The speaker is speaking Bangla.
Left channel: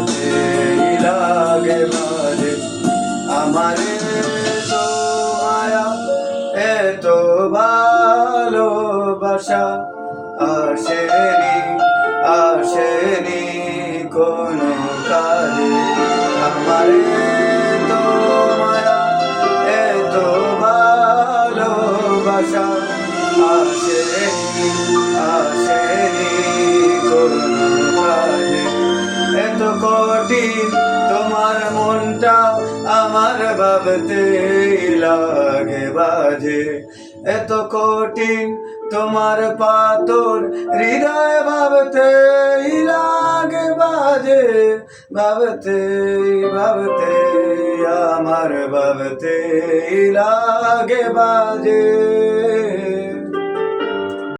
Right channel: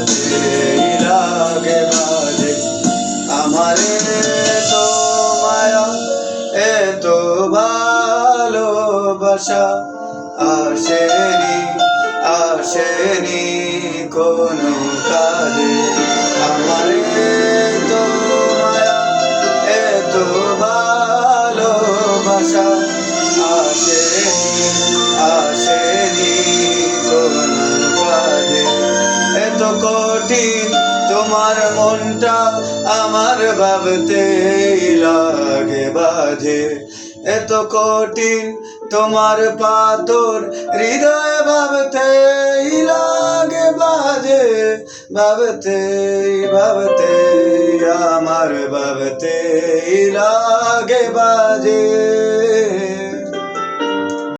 ভাবতেই লাগে বাজে। আমারে তো মায়া এত ভালোবাসা আসেনি আসেনি কোনো কালে। আমারে তো মায়া এত ভালোবাসা আসেনি আসেনি কোনো কালে। এত কঠিন তোমার মনটা আমার ভাবতেই লাগে বাজে। এত কঠিন তোমার পাথর হৃদয় ভাবতেই লাগে বাজে। ভাবতেই ভাবতেই আমার ভাবতেই লাগে বাজে।